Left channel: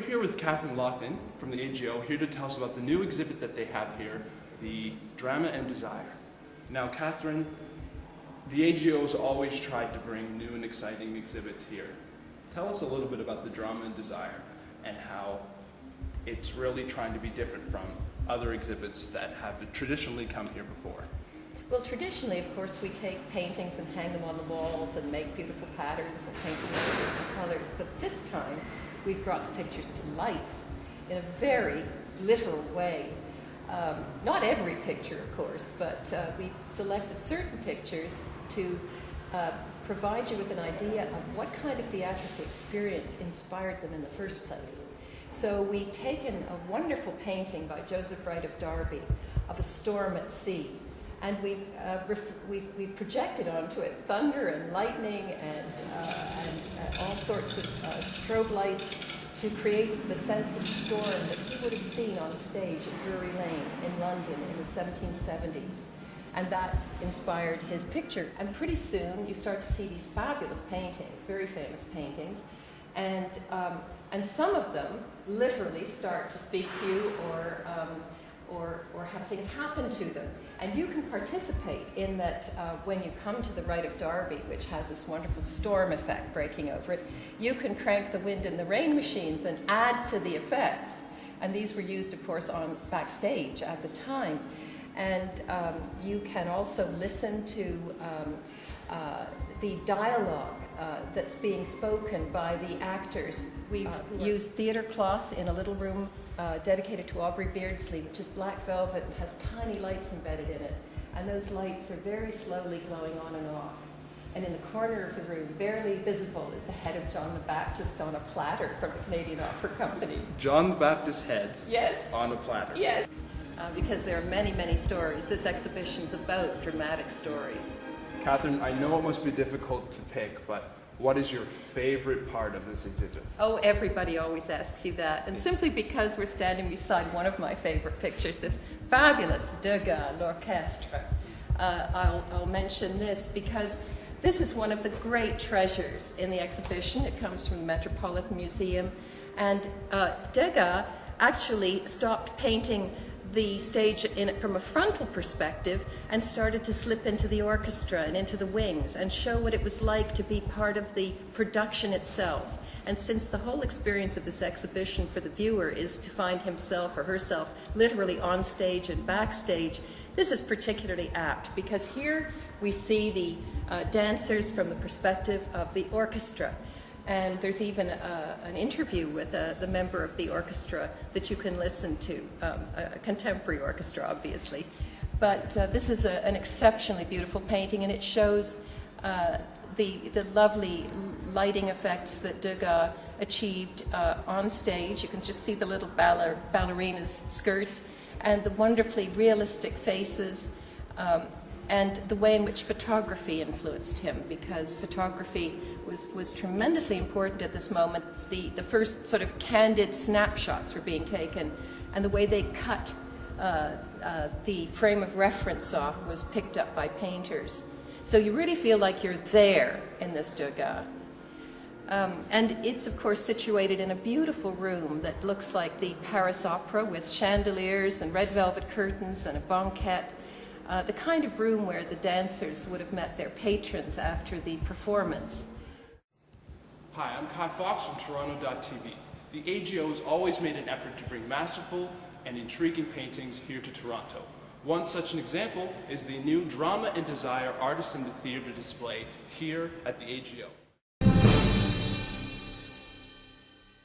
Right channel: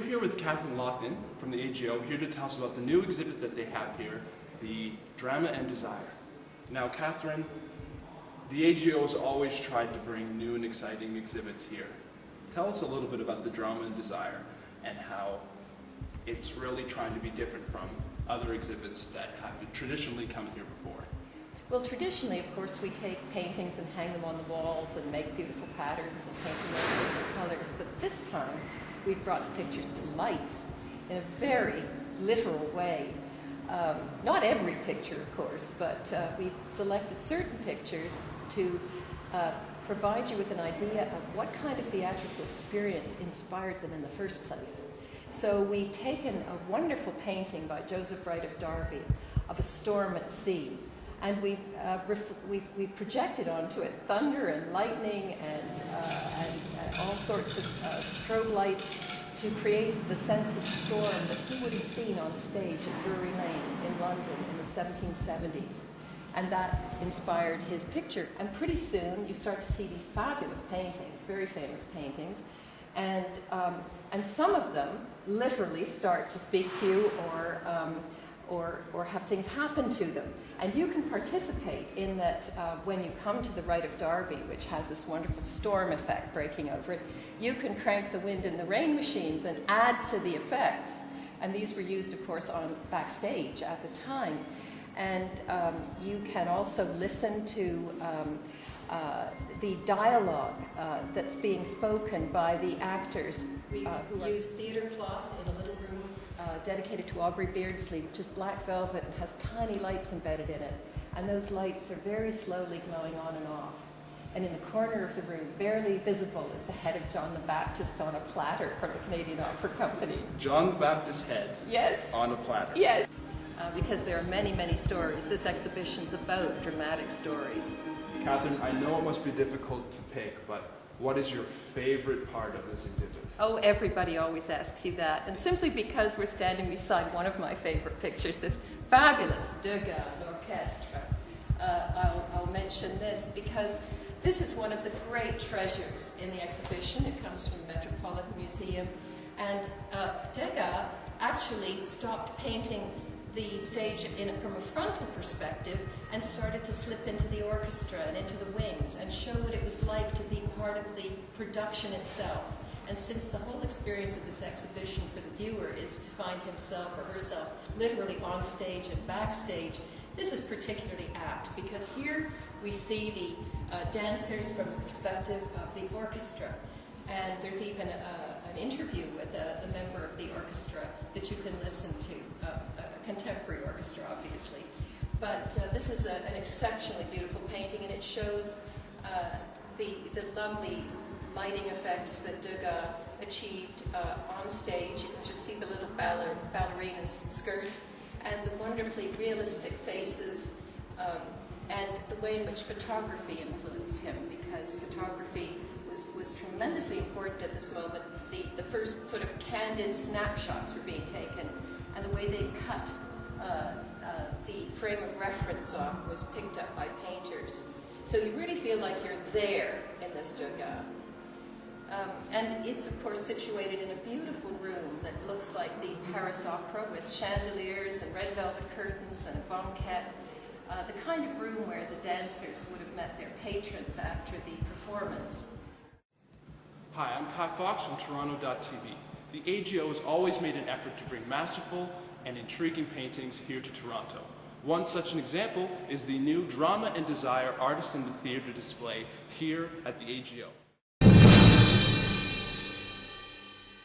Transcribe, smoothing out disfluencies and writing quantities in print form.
We're here with Catherine Lockton from the AGO, here to tell us about the new exhibit that they have here, the Drama and Desire. Now, Catherine, the AGO has always tried to bring new and exciting exhibits here. Tell us a little bit about the Drama and Desire and how it's really trying to be different from other exhibits that have traditionally come here before. Well, traditionally, of course, we take paintings and hang them on the walls and make beautiful patterns and paint them in beautiful colors. But this time, we've brought the pictures to life in a very literal way. Not every picture, of course, but we've selected certain pictures to provide you with an idea of what kind of theatrical experience inspired them in the first place. So we've taken a wonderful painting by Joseph Wright of Derby of a storm at sea, and we've projected onto it thunder and lightning and all sorts of strobe lights to create the sense of storm that he would have seen on stage at Drury Lane in London in the 1770s. And that inspired his picture. And pretty soon you start to see these fabulous paintings, very famous paintings, and some of them literally start to speak to you or have things happen to them. And you can participate in that when you come to the Rite of Derby, which has this wonderful storm effect breaking over it, you can crank the wind and the rain machines and add to the effects. And these were used, of course, on backstage at the time. And you can also listen to the dialogue that's being spoken by the actors. We've used theater cloth in a little room dedicated to Aubrey Beardsley, which is black velvet and has tiny lights embedded in it. And those lights are very slowly glowing on and off. And in the corner of the room, barely visible, is the head of John the Baptist on a platter from the Canadian Opera Company. John the Baptist's head? Yes. On a platter? Yes. Because there are many, many stories. This exhibition's about dramatic stories. Catherine, I know it must be difficult to pick, but what is your favorite part of this exhibit? Oh, everybody always asks you that. And simply because we're standing beside one of my favorite pictures, this fabulous Degas, L'Orchestre. I'll mention this because this is one of the great treasures in the exhibition. It comes from the Metropolitan Museum. And Degas actually stopped painting the stage from a frontal perspective and started to slip into the orchestra and into the wings and show what it was like to be part of the production itself. And since the whole experience of this exhibition for the viewer is to find himself or herself literally on stage and backstage, this is particularly apt because here we see the dancers from the perspective of the orchestra. And there's even an interview with the member of the orchestra that you can listen to, a contemporary orchestra, obviously. But this is an exceptionally beautiful painting, and it shows the lovely lighting effects that Degas achieved on stage. You can just see the little ballerina's skirts and the wonderfully realistic faces and the way in which photography influenced him, because photography was tremendously important at this moment. The first sort of candid snapshots were being taken, and the way they cut the frame of reference off was picked up by painters. So you really feel like you're there in this Degas. And it's, of course, situated in a beautiful room that looks like the Paris Opera with chandeliers and red velvet curtains and a banquette, the kind of room where the dancers would have met their patrons after the performance. Hi, I'm Kai Fox from Toronto.tv. The AGO has always made an effort to bring masterful and intriguing paintings here to Toronto. One such an example is the new Drama and Desire Artists in the Theatre display here at the AGO.